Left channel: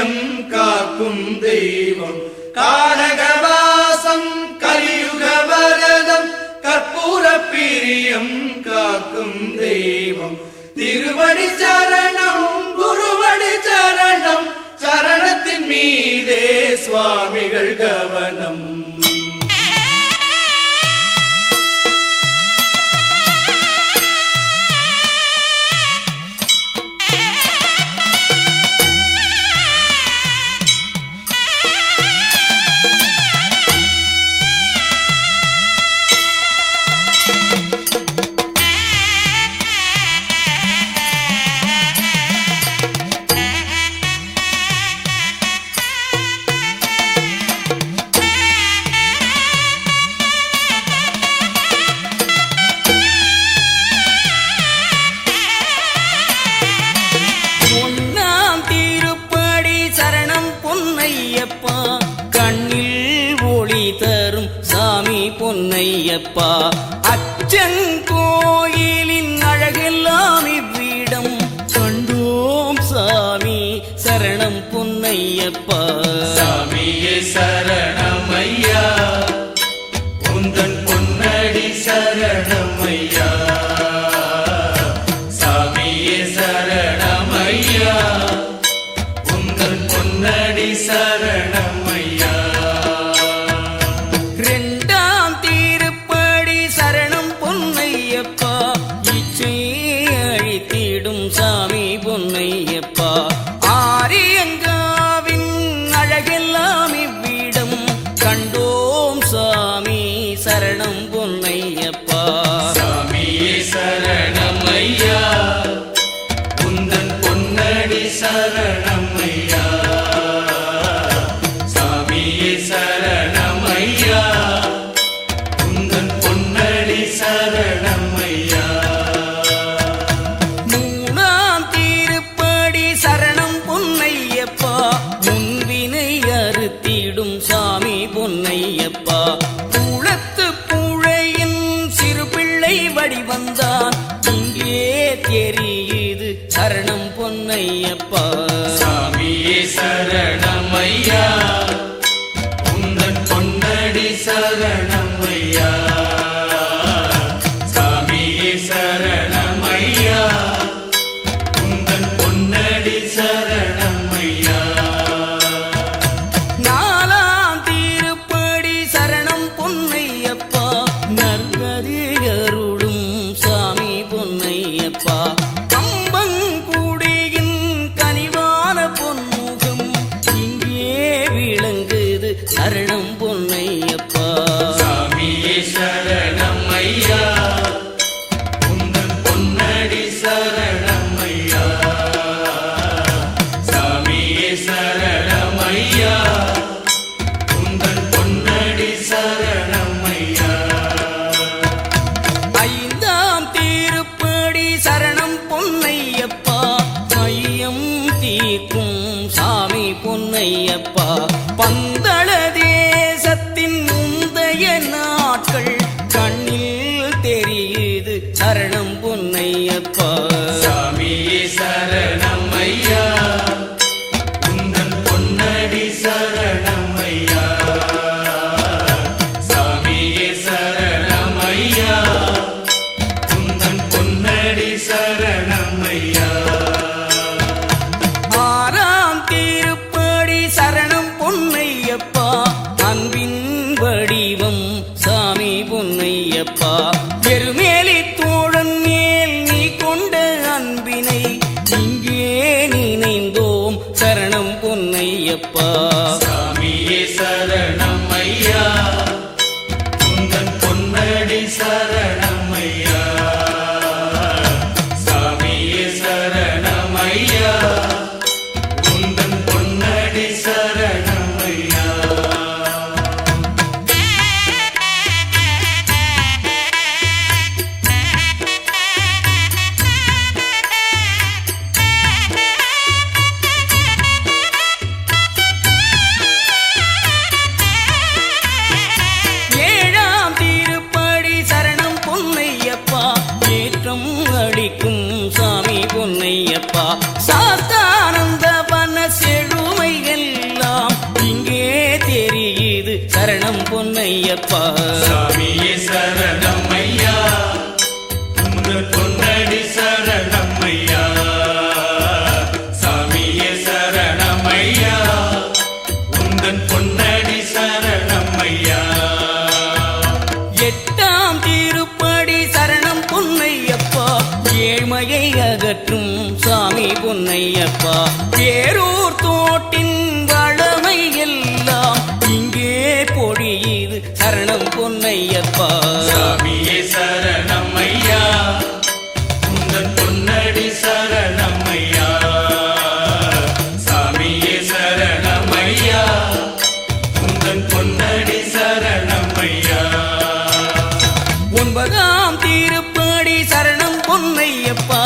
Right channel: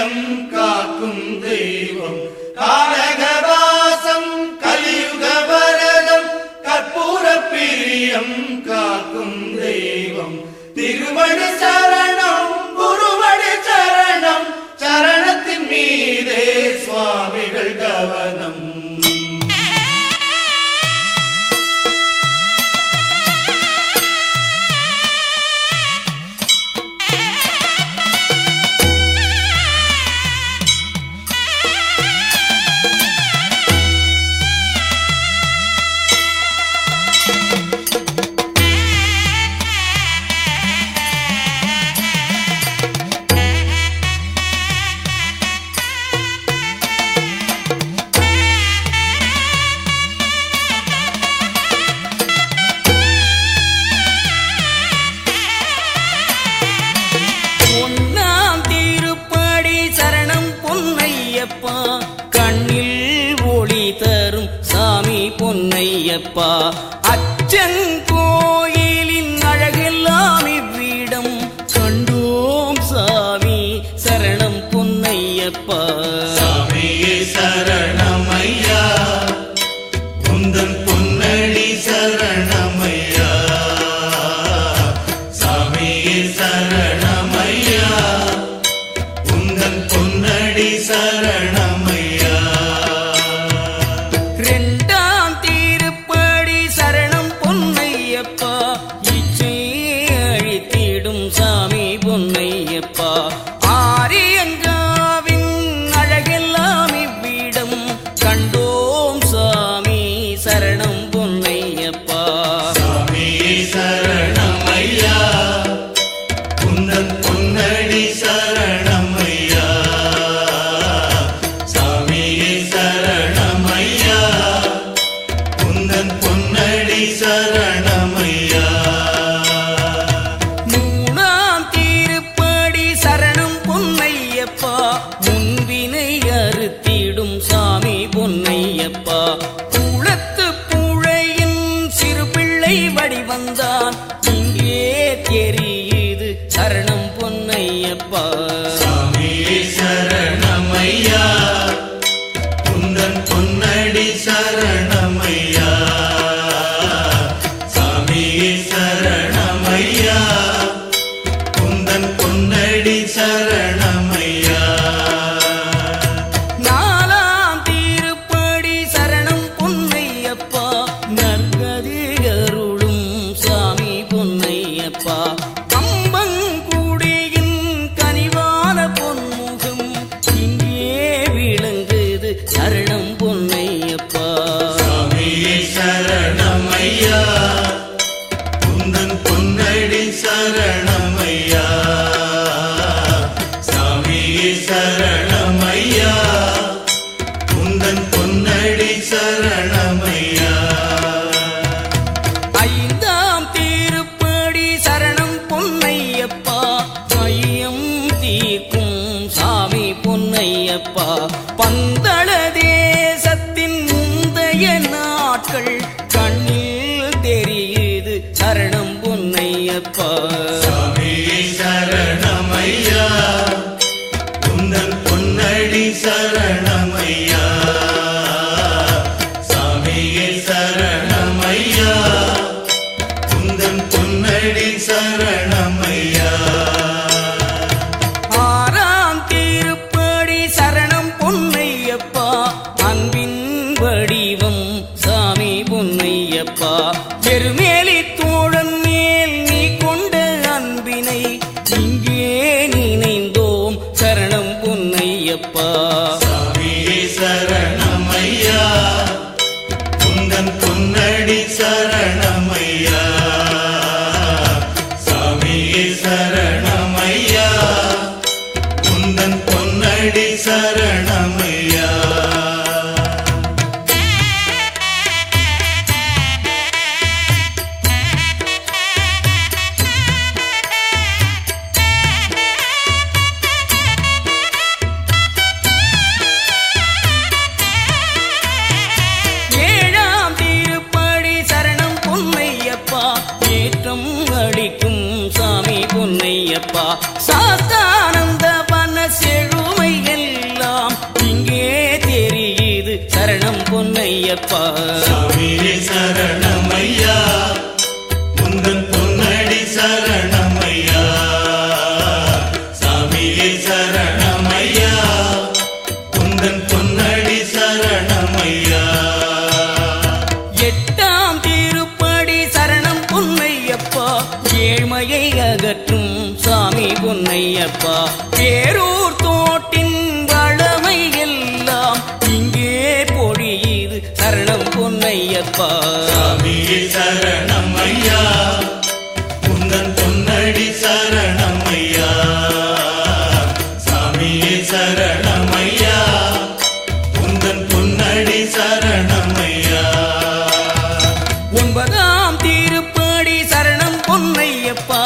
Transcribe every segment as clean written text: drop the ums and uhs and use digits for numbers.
பிரியம் காக்கும் தெய்வம் கானகவாசம் கலியுக வரதம் கற்பூர பிரியம் காக்கும் தெய்வம் திருவடி சரணம் குருவடி சரணம் சரணத்தின் மீதே சுவாமிகள் கவனம். கண்ணில் ஒளி தரும் சாமி பொன்னையப்பா அச்சங்கோயிலின் அழகெல்லாம் இவ்விடம் கண்டோம் சாமி சரணம் பொன்னையப்பா. சாமியே சரணமையா உந்தன் பொன்னடி சரணமையா சாமியே சரணமையா உந்தன் பொன்னடி சரணமையா. இரண்டாம் திருப்படி சரணம் பொன்னையப்பா இச்சை அழித்திடும் சாமி பொன்னையப்பா ஆரியங்காவின் அழகெல்லாம் இவ்விடம் கண்டோம் சாமி சரணம் பொன்னையப்பா. சாமியே சரணமையா உந்தன் பொன்னடி சரணமையா சாமியே சரணமையா உந்தன் பொன்னடி சரணமையா. மூணாம் திருப்படி சரணம் பொன்னையப்பா முன்வினை அறுத்திடும் சாமி பொன்னையப்பா குளத்து புழையின் சிறு பிள்ளை வடிவந்தான் இங்கே தெரியுது சரணம் பொன்னையப்பா. சாமியே சரணமையா உந்தன் பொன்னடி சரணமையா சாமியே சரணமையா உந்தன் பொன்னடி சரணமையா. நாலாம் திருப்படி சரணம் பொன்னையப்பா நற்கதி அருளும் சாமி பொன்னையப்பா கம்பங்குடியின் கனிவான பொன்முகம் இங்கே விளங்குது சரணம் பொன்னையப்பா. சாமியே சரணமையா உந்தன் பொன்னடி சரணமையா சாமியே சரணமையா உந்தன் பொன்னடி சரணமையா. ஐந்தாம் திருப்படி சரணம் பொன்னையப்பா ஐயம் தீர்க்கும் சாமி பொன்னையப்பா பந்தள தேசத்தின் முந்தைய நாட்கள் கண்ணில் தெரியுது சரணம் பொன்னையப்பா. சாமியே சரணமையா உந்தன் பொன்னடி சரணமையா சாமியே சரணமையா உந்தன் பொன்னடி சரணமையா. ஆறாம் திருப்படி சரணம் பொன்னையப்பா அன்பின் வடிவம் சாமி பொன்னையப்பா பெருமேலி தோழன் மேல் நீ கொண்ட அன்பினை இங்கே நினைந்தோம் சரணம் பொன்னையப்பா. சாமியே சரணமையா உந்தன் பொன்னடி சரணமையா சாமியே சரணமையா உந்தன் பொன்னடி சரணமையா. அளிக்கும் சாமி பொன்னையப்பா சாஸ்தானந்த வன செழுமை சரணம் பொன்னையப்பா. சாமியே சரணமையா உங்கள் பொன்னடி சரணமையா. சாமியே சரணமையா உங்கள் பொன்னடி சரணமையா. எட்டாம் திருப்படி சரணம் பொன்னையப்பா, ஏழ்மையை அகற்றும் சாமி பொன்னையப்பா. பேரூர் தோட்டின் வளமை எல்லாம் இங்கே பொழியுது சரணம் பொன்னையப்பா. சாமியே சரணமையா உங்கள் பொன்னடி சரணமையா. சாமியே சரணமையா உங்கள் பொன்னடி சரணமையா. ஒன்பதாம் திருப்படி சரணம் பொன்னையப்பா,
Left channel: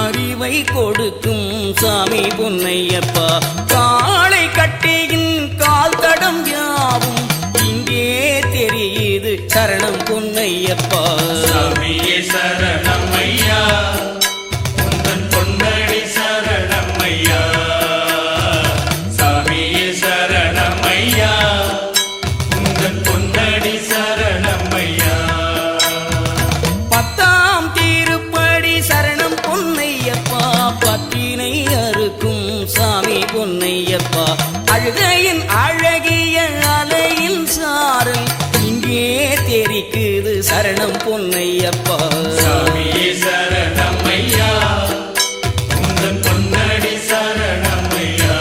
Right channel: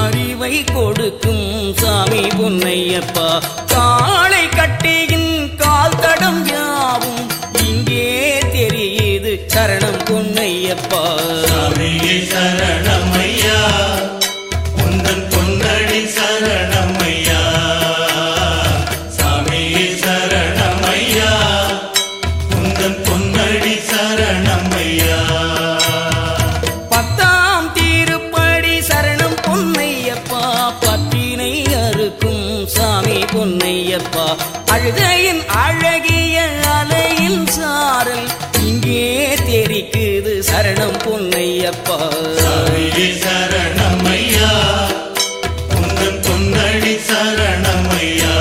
அறிவை கொடுக்கும் சாமி பொன்னையப்பா. காளை கட்டியின் கால் தடம் யாவும் இங்கே தெரியுது சரணம் பொன்னையப்பா. சாமியே சரணமையா உங்கள் பொன்னடி சரணமையா. சாமியே சரணமையா உங்கள் பொன்னடி சரணமையா. பத்தாம் திருப்படி சரணம் பொன்னையப்பா, பத்தினை அறுக்கும் சாமி பொன்னையப்பா. அழுகையின் அழகிய அலையின் சாரல் இங்கே தெரிக்குது சரணம் பொன்னையப்பா. சாமியே சரணமையா உங்கள் பொன்னடி சரணமையா.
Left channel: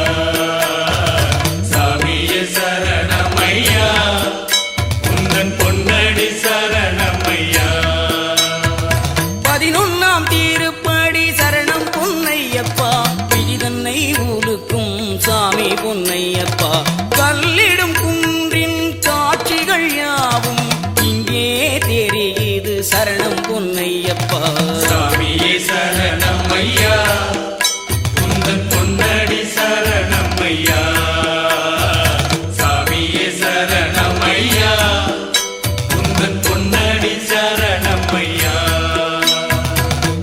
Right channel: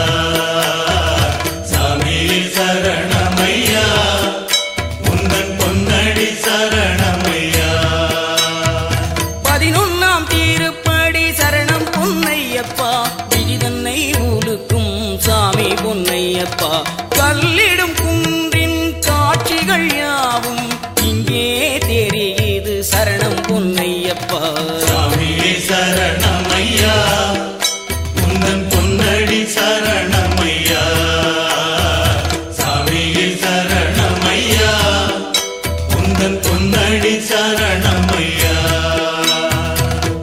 சாமியே சரணமையா உங்கள் பொன்னடி சரணமையா. 11ஆம் திருப்படி சரணம் பொன்னையப்பா, விதிதன்னை உலுக்கும் சாமி பொன்னையப்பா. கல்லிடும் குன்றின் காட்சிகள் யாவும் இங்கே தெரியுது சரணம் பொன்னையப்பா. சாமியே சரணமையா உங்கள் பொன்னடி சரணமையா. சாமியே சரணமையா உங்கள் பொன்னடி சரணமையா.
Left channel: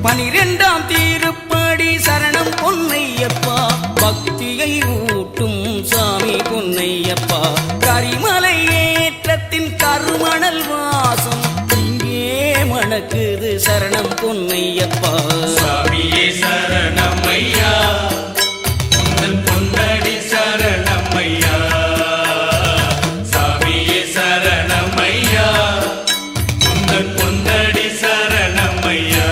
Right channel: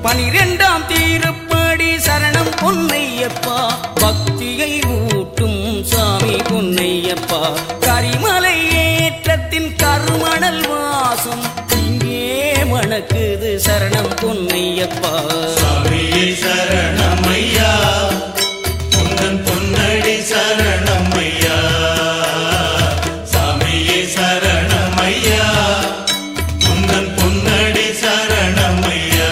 12ஆம் திருப்படி சரணம் பொன்னையப்பா, பக்தியை ஊட்டும் சாமி பொன்னையப்பா. கரிமலை ஏற்றத்தின் கருமணல் வாசம் இங்கே மணக்குது சரணம் பொன்னையப்பா. சாமியே சரணமையா உங்கள் பொன்னடி சரணமையா. சாமியே சரணமையா உங்கள் பொன்னடி சரணமையா.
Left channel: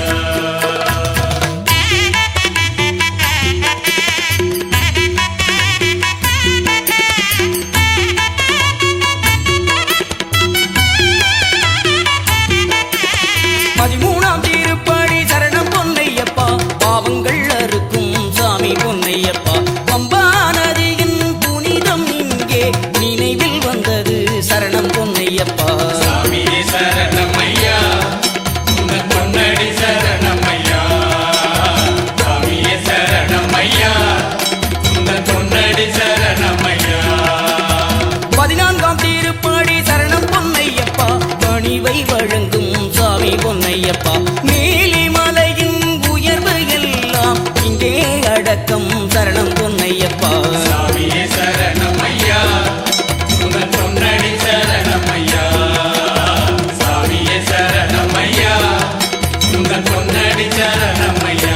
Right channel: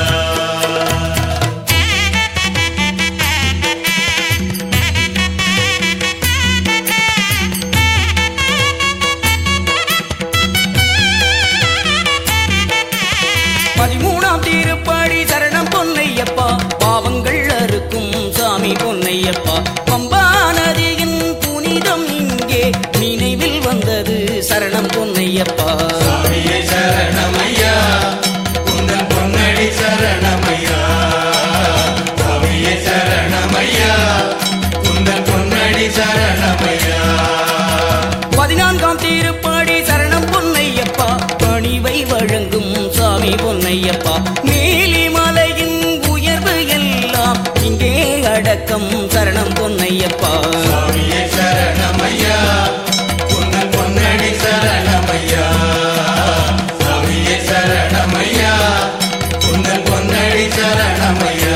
13ஆம் திருப்படி சரணம் பொன்னையப்பா, பாவங்கள் அறுக்கும் சாமி பொன்னையப்பா. பம்பா நதியின் புனிதம் இங்கே நினைவில் வந்தது சரணம் பொன்னையப்பா. சாமியே சரணமையா உங்கள் பொன்னடி சரணமையா. சாமியே சரணமையா உங்கள் பொன்னடி சரணமையா. 14ஆம் திருப்படி சரணம் பொன்னையப்பா, பணிவை வழங்கும் சாமி பொன்னையப்பா. நீலிமலையின் உயர்வு எல்லாம் இங்கே அடக்கம் சரணம் பொன்னையப்பா. சாமியே சரணமையா உங்கள் பொன்னடி சரணமையா. சாமியே சரணமையா உங்கள் பொன்னடி சரணமையா.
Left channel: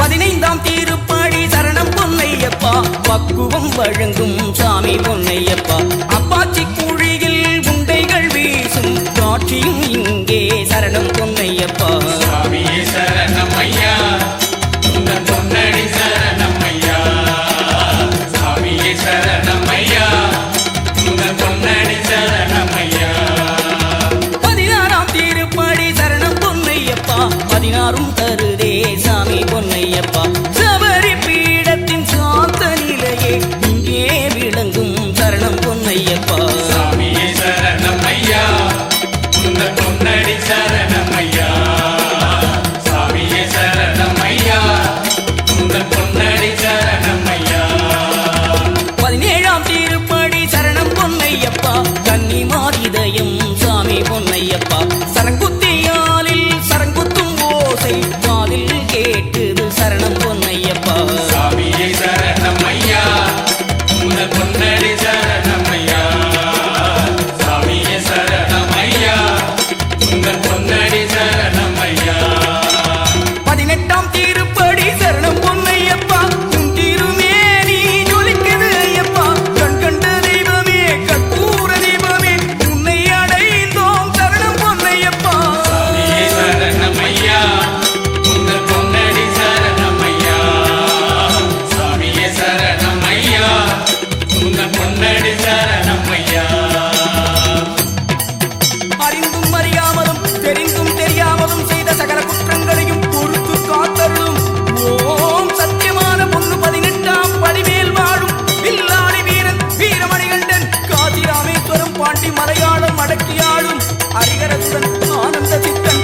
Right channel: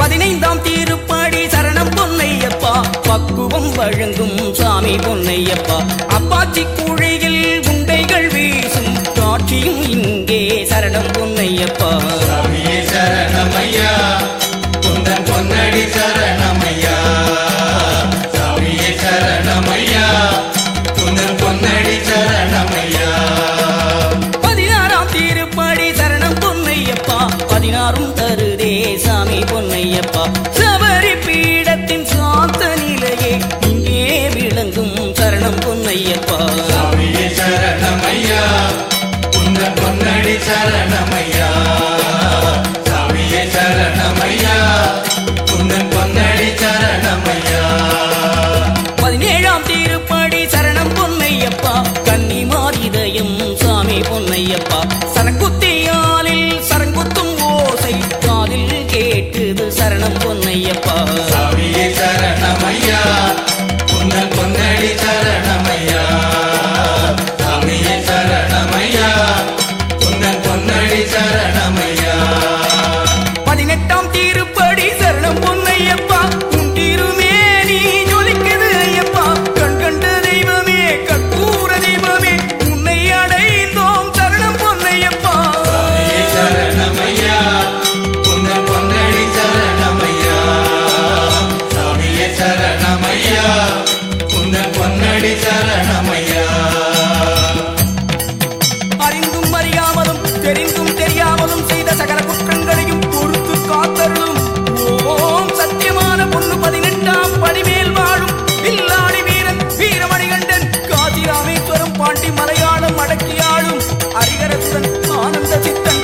15ஆம் திருப்படி சரணம் பொன்னையப்பா, பக்குவம் வழங்கும் சாமி பொன்னையப்பா. அப்பாச்சி குழியில் உண்டைகள் வீசும் காட்சியும் இங்கே சரணம் பொன்னையப்பா. சாமியே சரணமையா உங்கள் பொன்னடி சரணமையா. சாமியே சரணமையா உங்கள் பொன்னடி சரணமையா. 16ஆம் திருப்படி சரணம் பொன்னையப்பா, 16ம் தருதே சாமி பொன்னையப்பா. சபரி பீடத்தின் சாந்த நிலையே இங்கே விளங்கும் சரணம் பொன்னையப்பா. சாமியே சரணமையா உங்கள் பொன்னடி சரணமையா. சாமியே சரணமையா உங்கள் பொன்னடி சரணமையா. 17ஆம் திருப்படி சரணம் பொன்னையப்பா, கன்னிமாரிதயம் சாமி பொன்னையப்பா. சரங்குத்தியாலில் சரங்குத்தும் ஓசை காதில் கேட்டுது சரணம் பொன்னையப்பா. சாமியே சரணமையா உங்கள் பொன்னடி சரணமையா. அறியாமலும் தெரிந்தும் தெரியாமலும் செய்த சகல குற்றங்களையும் பொறுத்து காத்தருளும். ஓம் சத்தியமான பொண்ணு 18ஆம் படிமேல் வாழும் வில்லாளி வீரன் வீரமணிகண்டன் காசி ராமேஸ்வரம் பாண்டி மலையாளம் அடக்கியாளும் ஹரிகரசுடன் ஆனந்த சித்தன்